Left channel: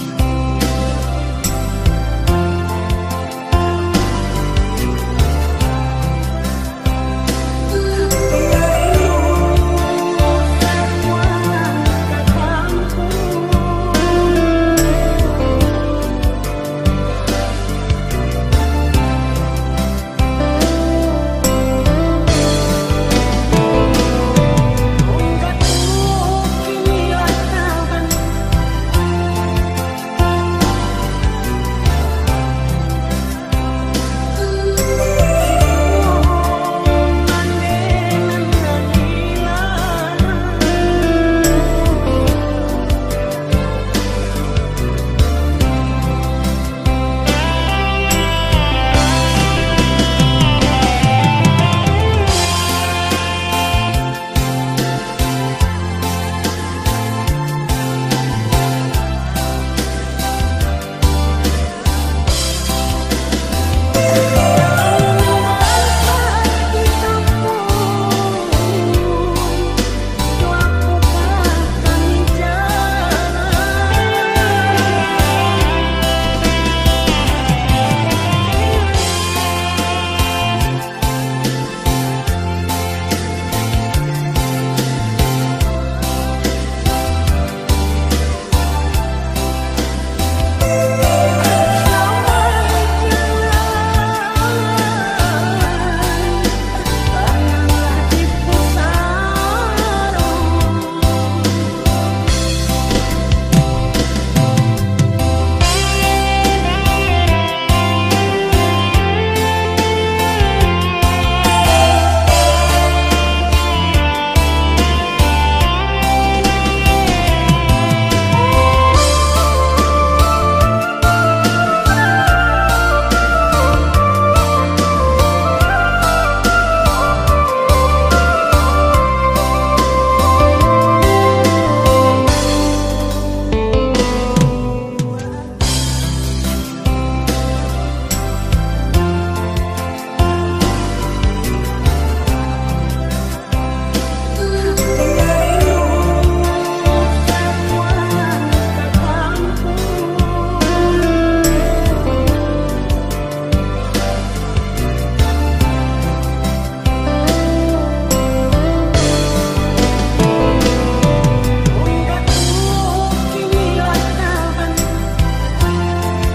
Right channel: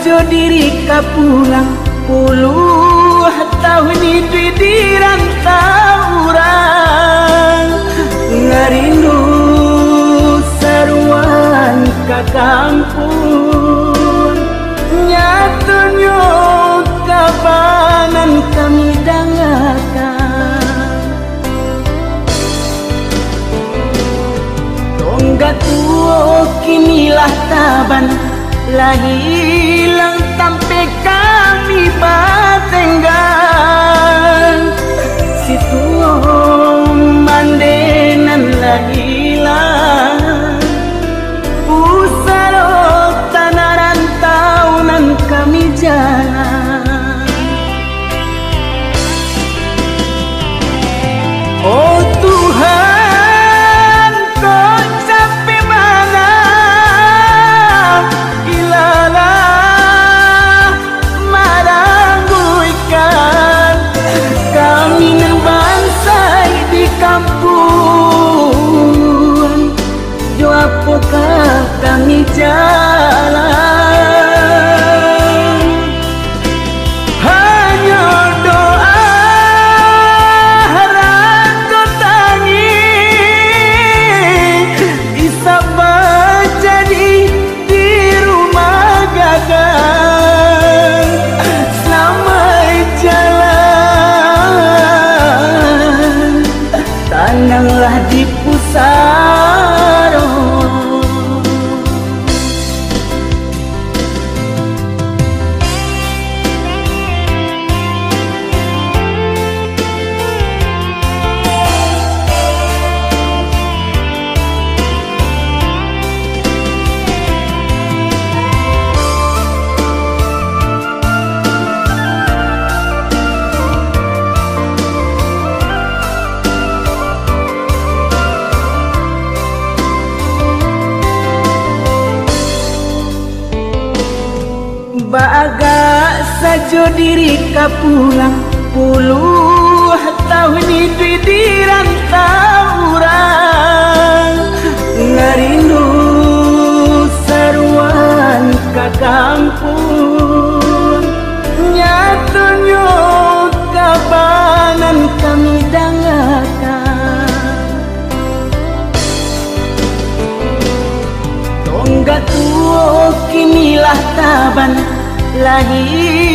sajo diri ka pulang puluh tahun di rantau urang ngarindu saruan ka kampung nyatunyo kabanan kami dangakan tonggak tuo kinilah taban hilang sampai kami batenggan situ mandenan lah hilang usarok tanah rantaunan kami jalan oh Tuhan kau sampai mana kami jalan hanya doa harap tangi bisa jadi di rumah gagal sampai jalan tananglah di pusat baga sajo diri ka pulang puluh tahun di rantau urang ngarindu saruan ka kampung nyatunyo kabanan kami dangakan tonggak tuo kinilah taban lahir